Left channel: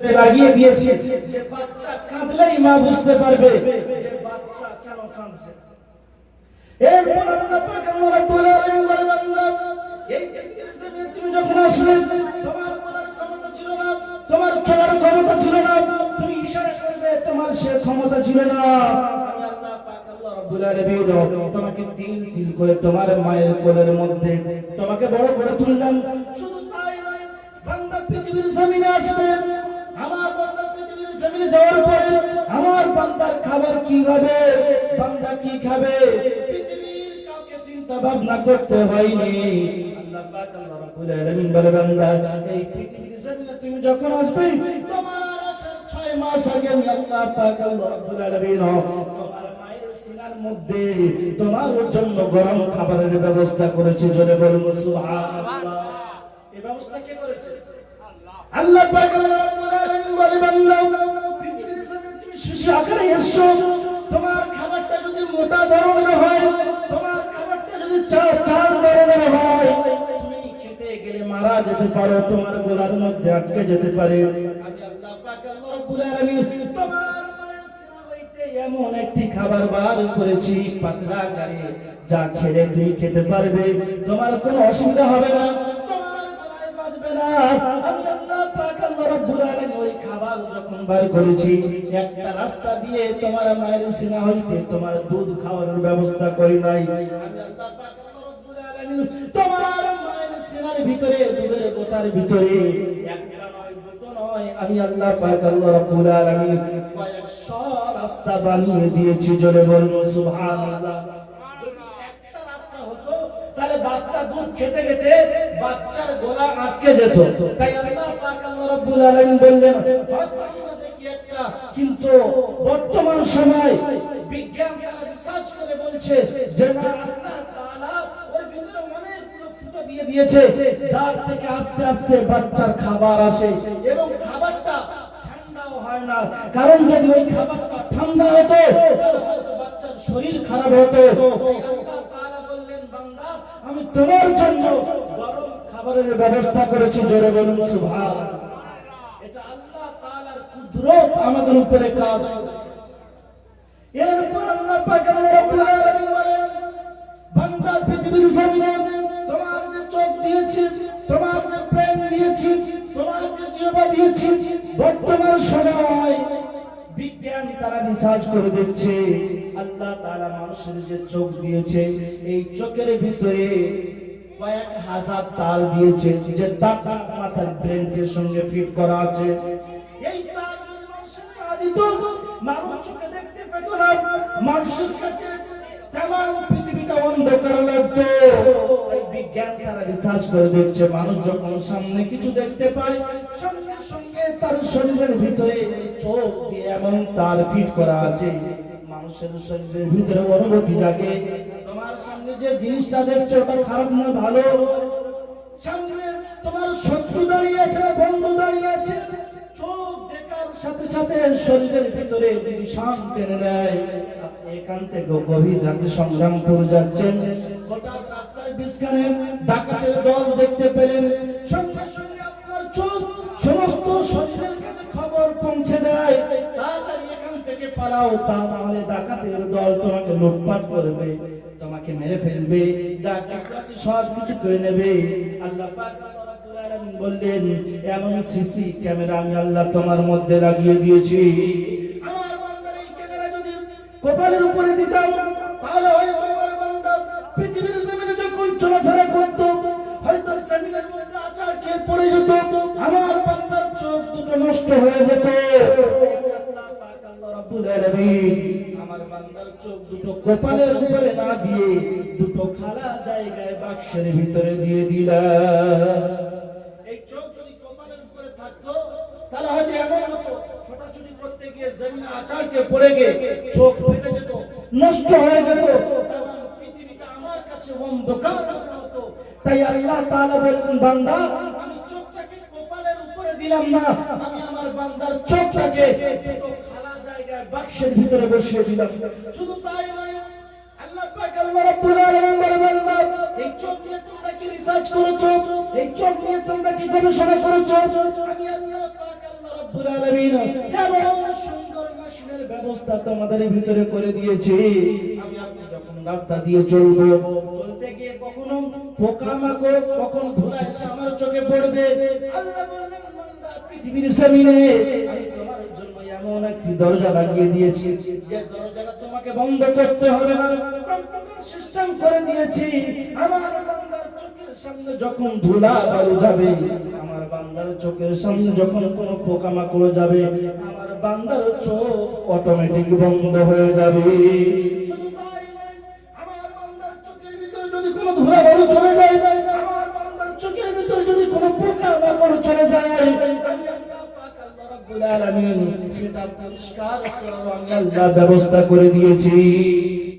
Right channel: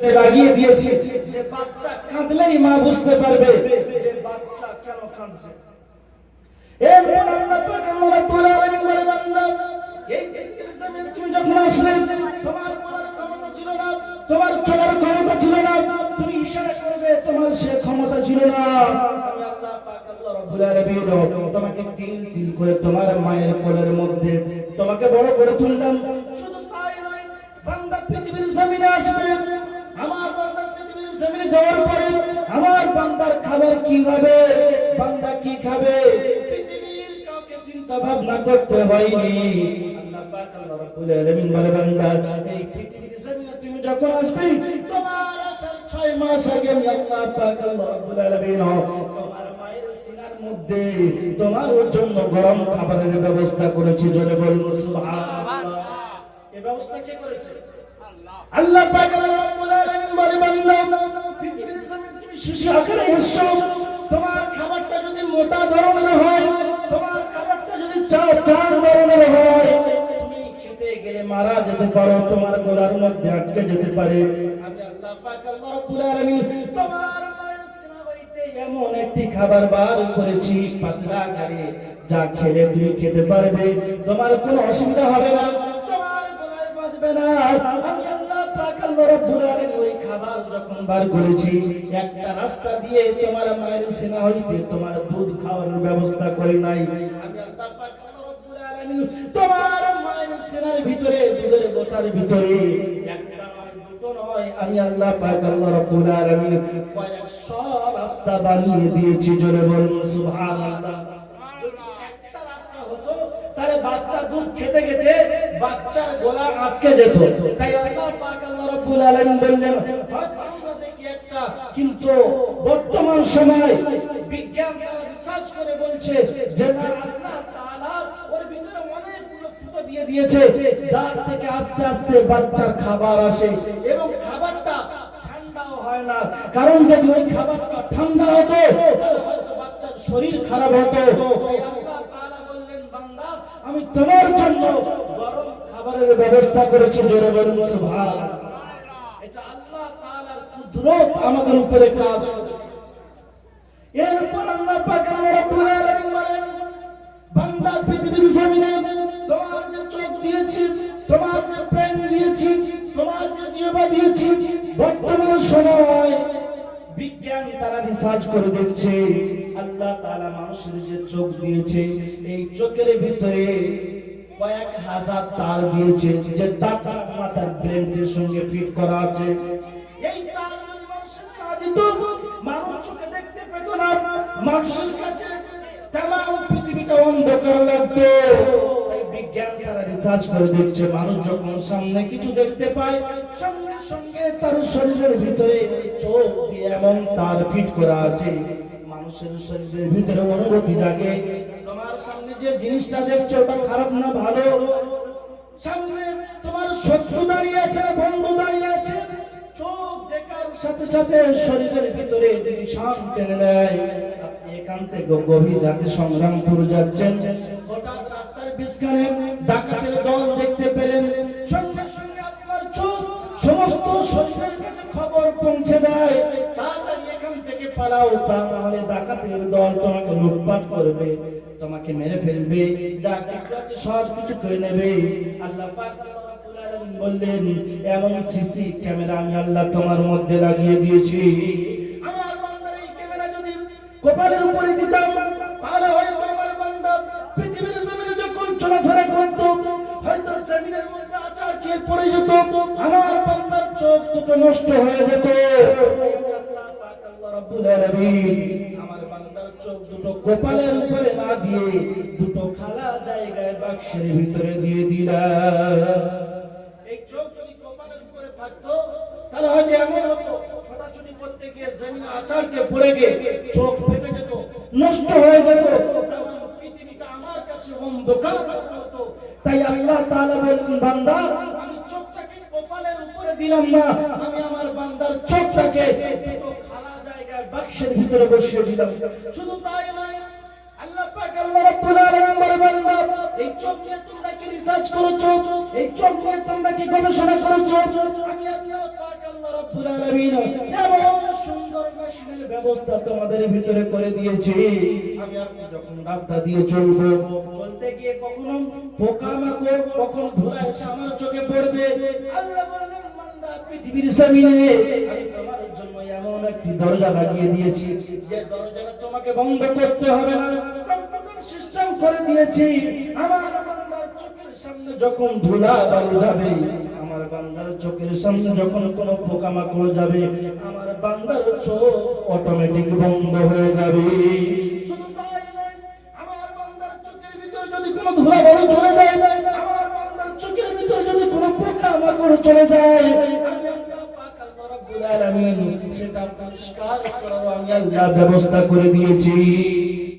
লাগিয়ে দিয়েছি যে বাচ্চা কাঁদলেই মা বুঝতে পারবে যে বাচ্চা কেন কাঁদছে। এরপর আল্লাহ পাক আল্লাহ রাব্বুল আলামিন বলে, বান্দা এই পৃথিবীর জমিনে তুমি যখন আসলে তোমার বলার ক্ষমতা ছিল না, তোমার চলার ক্ষমতা ছিল না, তুমি ইশারা করবে তোমার সে ক্ষমতা ছিল না। আমি আল্লাহ পাক আল্লাহ রাব্বুল আলামিন তোমাকে তিল তিল করে তোমার মায়ের কোলের মধ্যে তোমাকে বড় করে তুললাম। শুধু তাই নয়, বান্দা পৃথিবীর জমিনে আসবে, আমার বান্দা পৃথিবীর জমিনে যাওয়ার পরে আমার বান্দার খাবার কি হবে, বান্দা কি খাবে, পৃথিবীর কাউকে চিন্তা ভাবনা করতে হয়নি। আল্লাহ পাক আল্লাহ রাব্বুল আলামিন বলে, বান্দা এই পৃথিবীর জমিনে তুমি যখন আসবে তোমার আসার 6 মাস আগে আমি আল্লাহ পাক আল্লাহ রাব্বুল আলামিন তোমার মায়ের সিনার মধ্যে তোমার জন্য গরম খাবারের ব্যবস্থা করেছি। জোরে বলুন সুবহানাল্লাহ। এই ব্যবস্থা কে করেছে? আল্লাহ পাক আল্লাহ রাব্বুল আলামিন বলে, বান্দা পৃথিবীর জমিনে তুমি শিশু আকারে এসেছো, তোমার খাবারটা যদি মোটা ধরনের হয়, তোমার খাবারটা যদি চাল ধরনের হয়, তুমি খেতে গেলে মারা যেতে পারো, তোমার গলার মধ্যে আটকে যেতে পারে। আমি আল্লাহ পাক আল্লাহ রাব্বুল আলামিন তোমার মায়ের সিনা হইতে এমন একটি খাবার বার করেছি পাতলা আকারে, যা খেলে তুমি খেতে পারবে, তোমার কোনো অসুবিধা হবে না, তোমার গলায় বাঁধবে না। আমি আল্লাহ পাক আল্লাহ রাব্বুল আলামিন ওই খাবার যখন বার করেছি, একটা রাস্তা দিয়ে তোমার মায়ের সিনা হইতে তোমার দুধ খাওয়ার ব্যবস্থা করি নাই। আমি আল্লাহ পাক আল্লাহ রাব্বুল আলামিন তোমার মায়ের সিনার ভিতরে দুধের গোটার ভিতরে একটা নয় দুটো নয়, আমি আল্লাহ পাক আল্লাহ রাব্বুল আলামিন কয়েকশো রাস্তা বানিয়ে দিয়েছি। জোরে বলুন সুবহানাল্লাহ। যদি একটা রাস্তা হতো তাহলে বাচ্চা দুধ খেতে খেতে বাচ্চার গলা আটকে যেত। তাই আল্লাহ পাক আল্লাহ রাব্বুল আলামিন বললেন, হয়তো আমরা দেখি একটা, কিন্তু বর্তমান সময় বিজ্ঞান তারা রিসার্চ করে বলছে যে না, আল্লাহ তাআলা ওর ভিতরে অনেকগুলো ফুটো দিয়ে দিয়েছে যার থেকে আস্তে আস্তে বাচ্চার খাবার আসে, এবং খাবারটা ঠান্ডাও হয় না। কারণ যদি ওই খাবারটা ঠান্ডা হতো তাহলে হয়তো বাচ্চার শরীর খারাপ হতো। তাই আল্লাহ তাআলা বললেন, বান্দা আমি তোমার জন্য গরম খাবারের ব্যবস্থা করেছি। জোরে বলুন সুবহানাল্লাহ। এটা আল্লাহ তাআলার কুদরত আমাদের উপরে কাজ করছে। এরপর আল্লাহ পাক আল্লাহ রাব্বুল আলামিন বলেন, বান্দা পৃথিবীর জমিনে তোমার যে চোখ দিয়েছি, তোমার যে প্রাণ দিয়েছি, তোমার যে জিহ্বা দিয়েছি, বর্তমান সময় বিজ্ঞান তারা রিসার্চ করে দিচ্ছে আল্লাহ তাআলা মানুষের যে চোখ দিয়েছে, এই চোখের ভিতরে কয়েক হাজার তার দিয়েছে, যে তারটা মাথার ব্রেনের সঙ্গে ফিট করা আছে। এই তার যদি মানুষের না দিত, মানুষ চোখে দেখতে পেত না, মানুষের কাছে তামাম পৃথিবীটা অন্ধকার লাগতো। তাই বিজ্ঞান তারা রিসার্চ করে দেখছে, মানুষ যখন সামনে কিছু দেখতে পায়, সঙ্গে সঙ্গে তার শরীরের ভিতরে চোখ দিয়ে এমন তার ফিট করা আছে, মানুষের শরীরের ভিতরে অনুভূতি জাগে। তোমার সামনে যে জিনিসটা দেখছো ওটা খারাপ না ভালো, সামনে তোমার শত্রু দাঁড়িয়ে আছে না বন্ধু দাঁড়িয়ে আছে, চোখ দেখার সাথে সাথে শরীরের ভিতরে নিশান টেনে দেয়। আপনি এখান থেকে গভীর রাতে সংগ্রামপুর যাচ্ছেন, হঠাৎ রাস্তার বিস্কারে ডাকাতের দল দেখতে পেলেন, সঙ্গে সঙ্গে আপনার চোখ সমস্ত শরীরের কাছে খবর পৌঁছে দেয়, তাড়াতাড়ি এখান থেকে পালাও, তা নাহলে ডাকাতের দল তোমাকে লুটপাট করবে, তোমাকে মেরে ফেলবে, যা কিছু আছে সব কিছু করে নেবে। আল্লাহ পাক আল্লাহ রাব্বুল আলামিন বললেন, এমন সিসি ক্যামেরা আমি আল্লাহ তোমার মধ্যে লাগিয়ে দিয়েছি। আমার বান্দার এই ক্যামেরা যদি কপালের উপরে দিতাম, তাহলে হয়তো আমার বান্দা পৃথিবীর জমিনে যখন চলাফেরা করত, হয়তো জমিনের মধ্যে আছাড় খেয়ে পড়ে যেত, আমার বান্দার চোখ দুটো নষ্ট হয়ে যেত। আল্লাহ পাক আল্লাহ রাব্বুল আলামিন আমার বান্দার চোখ দুটো কপালের উপরে না দিয়ে দুটো খালা জায়গায় বাক্সের ভিতরে দিয়ে দিলাম। এই চোখ যদি কপালের উপরে থাকতো তাহলে হয়তো এমন হতো, ছোটাছুটি করতে গিয়ে জমিনে আছাড় খেয়ে পড়ে গিয়ে চোখ ফেটে যেত, নষ্ট হয়ে যেত, তামাম পৃথিবীটা আমার কাছে অন্ধকার হতো। তাই আল্লাহ তাআলা বলেন, বান্দা আমি চোখটাকে কপালের উপরে দিলাম না, আমি আমার বান্দার চোখটাকে দুটো খালা জায়গায় বাক্সের ভিতরে বসিয়ে দিলাম। শুধু তাই নয়, আল্লাহ পাক আল্লাহ রাব্বুল আলামিন বলে, বান্দা এই চোখ নিয়ে তোমরা কি রিসার্চ করেছো, এই চোখ নিয়ে তোমরা কি গবেষণা করেছো? আমি আল্লাহ পাক আল্লাহ রব্বুল আলামিন এমন সুন্দর মেশিনের ব্যবস্থা তোমাদের ভিতরে করে দিয়েছি। আমি আপনি যখন রাস্তা দিয়ে চলবো, চলতে গিয়ে কখনো পোকামাকড়, কখনো ধুলা এসে আমার চোখে পড়বে, আল্লাহ বললেন বান্দা পৃথিবীর জমিনে আমি তোমার জন্য এমন একটি দরজা লাগিয়ে দিয়েছি যে দরজাটা তোমাকে বন্ধ করতে হবে না, কম্পিউটার সিস্টেম করে দিয়েছি। আমার বান্দার চোখের সামনে যখন ধুলা বালু যাবে, আমার বান্দার চোখের সামনে যখন কোনো পোকামাকড় যাবে, আমার বান্দার চোখ অটোমেটিক বন্ধ হয়ে যাবে। শুধু তাই নয়, আমার বান্দার চোখের ভিতরে যদি কোনো ধুলা বালু চলে যায়, আমার বান্দার চোখের ভিতরে যদি কোনো পোকামাকড় চলে যায়, আমি আল্লাহ পাক আল্লাহ রাব্বুল আলামিন সেটা পরিষ্কার করার আমি আল্লাহ ব্যবস্থা করে দিয়েছি।